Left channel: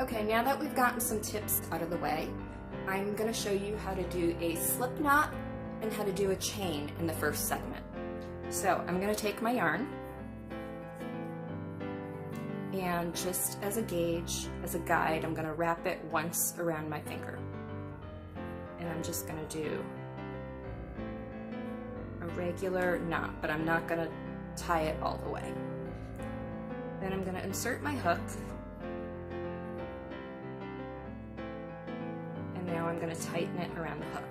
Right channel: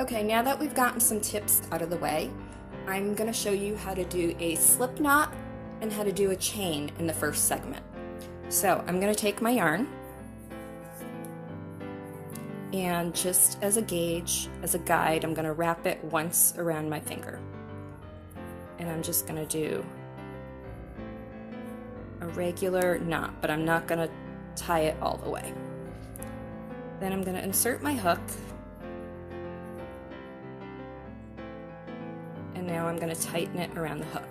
Okay, now that we've gotten some tips out of the way, I'm going to show you how to do a slip knot and how to do a chain in the first segment. So I'm going to take my yarn and just as a gauge, as a guide, I'm going to wrap it once around my finger. And I'm just going to do a regular knot, but I'm not going to tie it all the way. Then I'm going to insert my hook. And now I'm going to tighten it around the hook.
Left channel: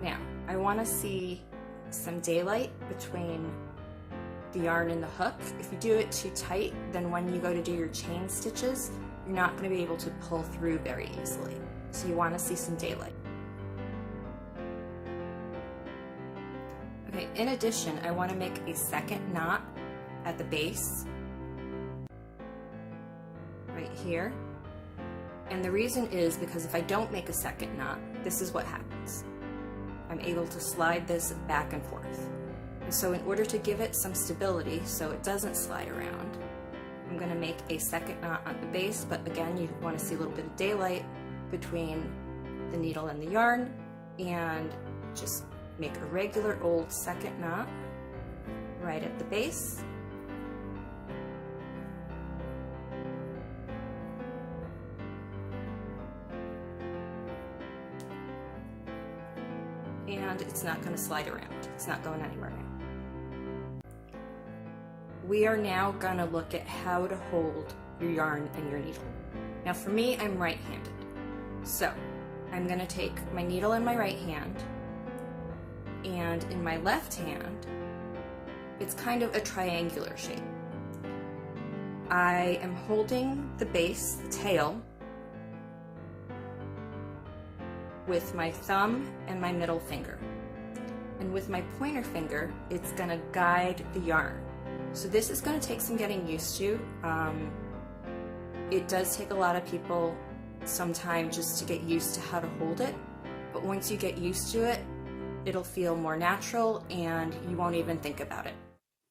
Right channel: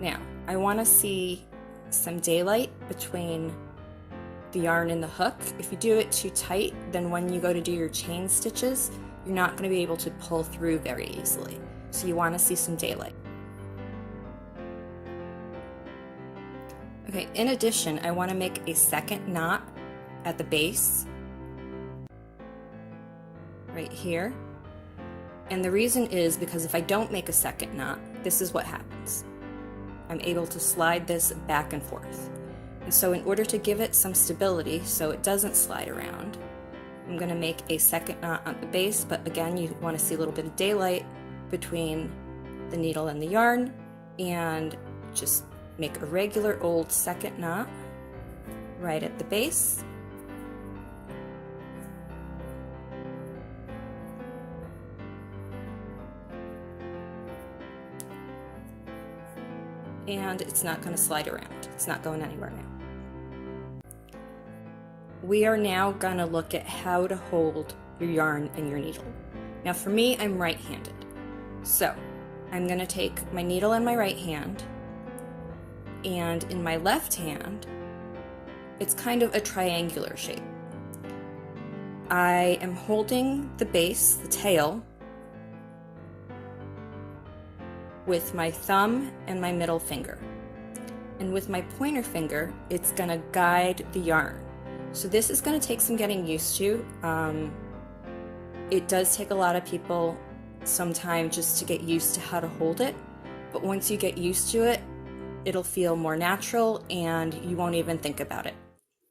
Now, I want to see some daylight between the yarn and the hook. If you do it too tight, then when you go to do your chain stitches, you're not going to be able to pull through very easily. So you want to see some daylight. Okay, in addition, I want to make a second knot at the base, right here. And the reason is because if I don't make a second knot, this is what happens. I'm able to slide this back and forth. And so in order to give it some stability so it doesn't slide around, I'm going to make a second knot on the base, but again, you want to see a little bit of daylight between the needle and the yarn, and just make a regular old second knot right at the base. And it's not going to slide around. It's not going anywhere now. We are now going to look at how to hold your yarn and your needle. Now for me, I'm right-handed. So I'm going to take my needle in my right hand, and in my left hand, it's kind of a triangular shape. I am holding the base, the tail, with my thumb and my middle finger. And with my pointer finger, it's going to guide the yarn. So this is going to take some getting used to. It does take a lot of people some time just to get used to how to hold it, but once you get used to it, it'll feel more natural and you won't even think about it.